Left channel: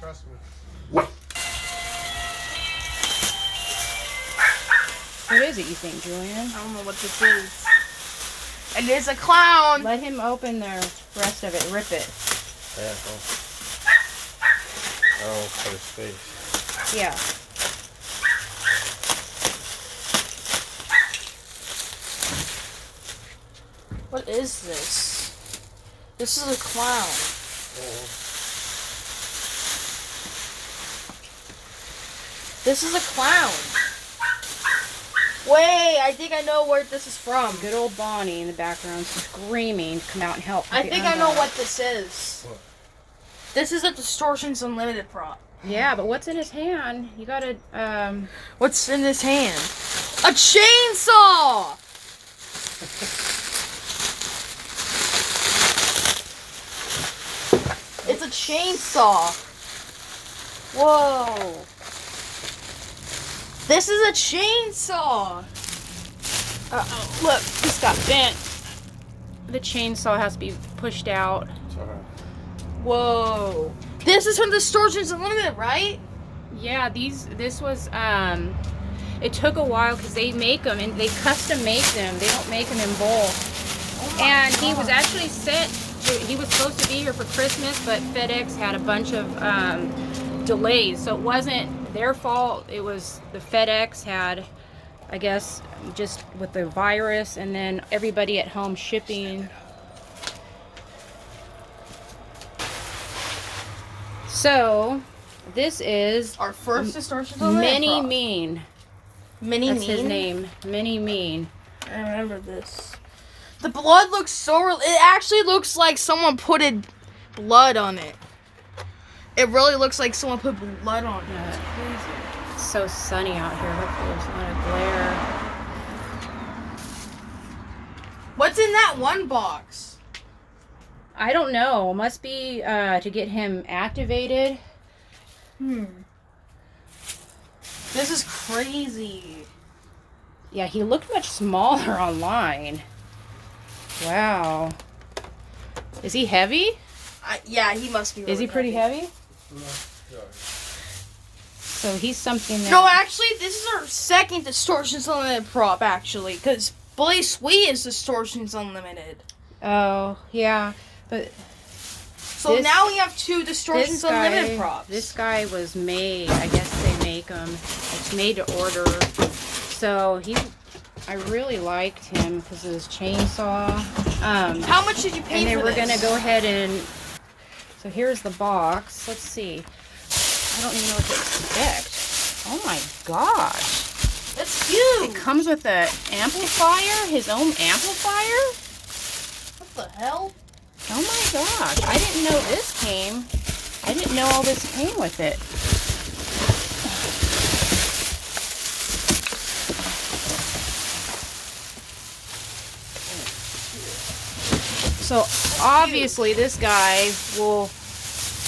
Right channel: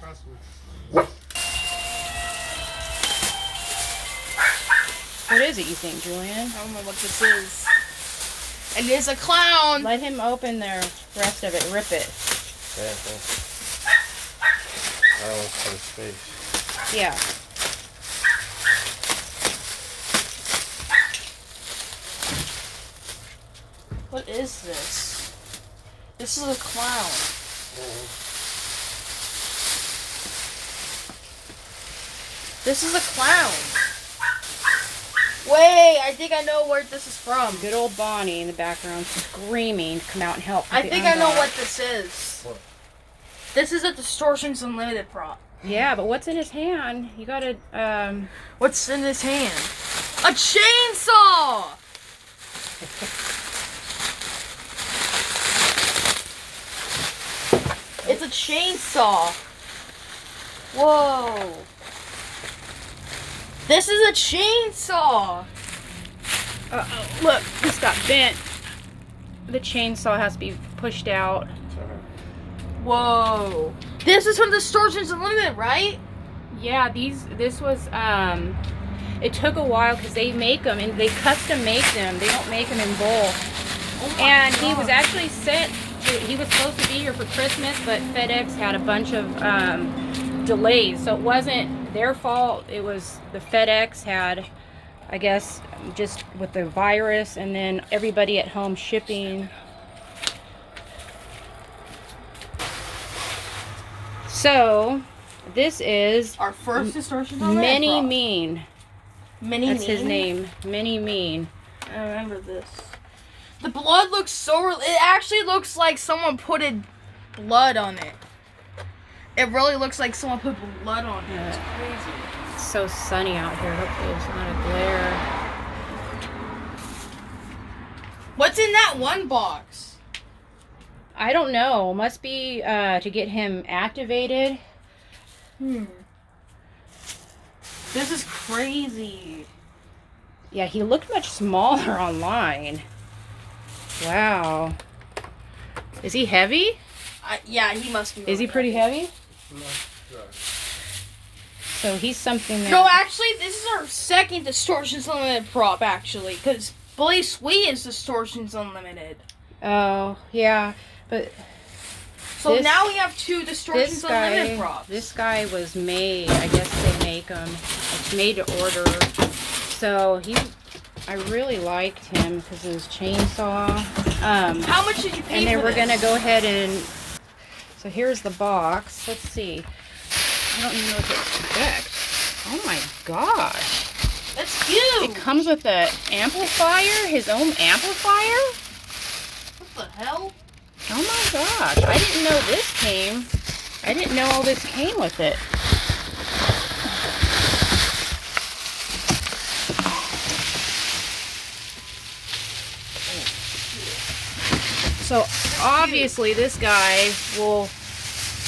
Trust me. What is it, you think, Julian? I don't know what this is. It is a clown. Let him open the rest of it. Rip it. Careful. Oh, it's for his face. Yeah. What is this? This is a clown. This is a clown. Wait, I think I know where this is from. Good old Bonnie in the background screaming to come out and help. I think I know what this is. What? This is a Distortions Unlimited prop. Yeah, but what's in his hand? You gotta, What's in his hand? A chainsaw! It's a chainsaw. Whoa. This is a chainsaw. uh-oh, look, this got bent. The chainsaw has to be pushed out. It's alright. Whoa. This is from Distortions Unlimited, right? Yeah, this was, it took a while because they make them and they custom make them. They don't make them in bulk. Oh my And God. he was actually he was supposed to be here for Christmas, but FedEx had a bunch of delays. So it wasn't their fault. It was the FedEx had, I guess, just with the virus and then everybody at home shipping. So this is Our first Distortions Unlimited Mini prop. Mean. Mini That's his Mean? name. Mini Mean. I remember this. The blood looks so real. It actually looks like someone put blood on it. It really looks like someone put blood on it. It's crazy. It's so sunny out here. Hopefully it's not a glare. What's in that one box? I don't know. Must be to get him activated. This is crazy. Yeah, he looked much smaller online. Wow. Is he heavy? Yeah, he must be. Is he really pretty heavy? No, sorry. So he's something that... No, actually, this is our second Distortions Unlimited prop, actually. Because Bully Sweet is Distortions Unlimited. Oh, yeah. But So this- now we have two Distortions Unlimited props. this guy was made. I guess they make them. It's made to order. So I really liked him because of his chainsaw. How much did you pay And then for we're this? gonna go ahead and. So here's the box. Let's see. I don't even know what to expect. Oh my gosh! That's huge. It comes with the amplifier, his own amplifier. What the hell? Oh my gosh! I didn't know this came. I didn't know all this came with it. So obviously this guy will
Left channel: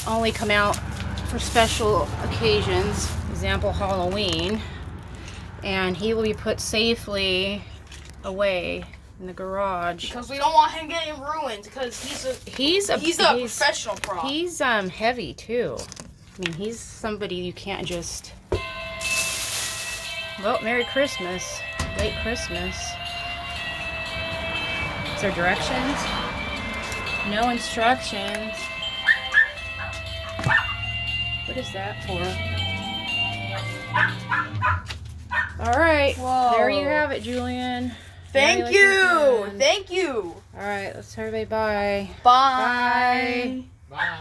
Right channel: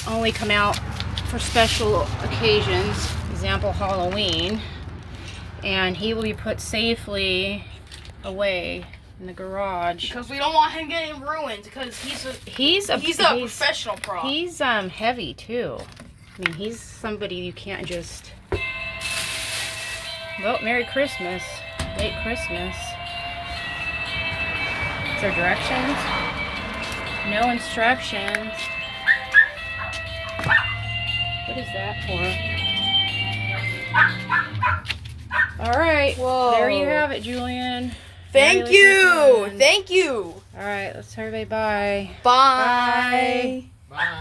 only come out for special occasions, example Halloween, and he will be put safely away in the garage. Because we don't want him getting ruined. Because he's a professional prop. He's heavy too. I mean, he's somebody you can't just. Well, Merry Christmas, late Christmas. Is there directions? No instructions. What is that for? All right. Whoa. There you have it, Julian. Thank Merry you. Christmas. Thank you. All right. Let's tell everybody bye. Bye. Bye. Bye.